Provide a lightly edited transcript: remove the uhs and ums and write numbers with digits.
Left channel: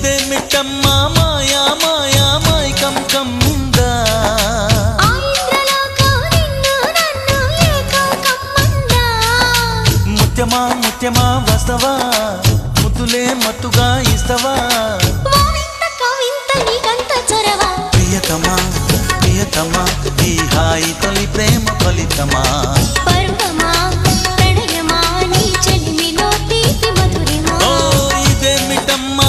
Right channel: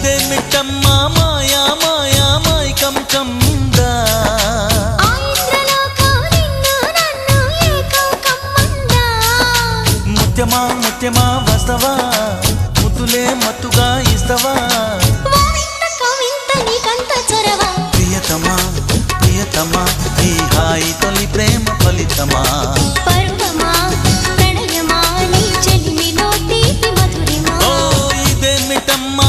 ఇదేమిటమ్మా మాయా మాయా మైకం కమ్మిందా ముత్యమా ముత్యమా వస్తవా ముద్దులే మత్తుగా ఇస్తవా ప్రియతమా ప్రియతమా ఈ హాయి తొలి ప్రేమ ఫలితమా పరువమా ప్రణయమా నీ చెలిమిలో తీపి మధురిమా ఓ ఇదేమిటమ్మా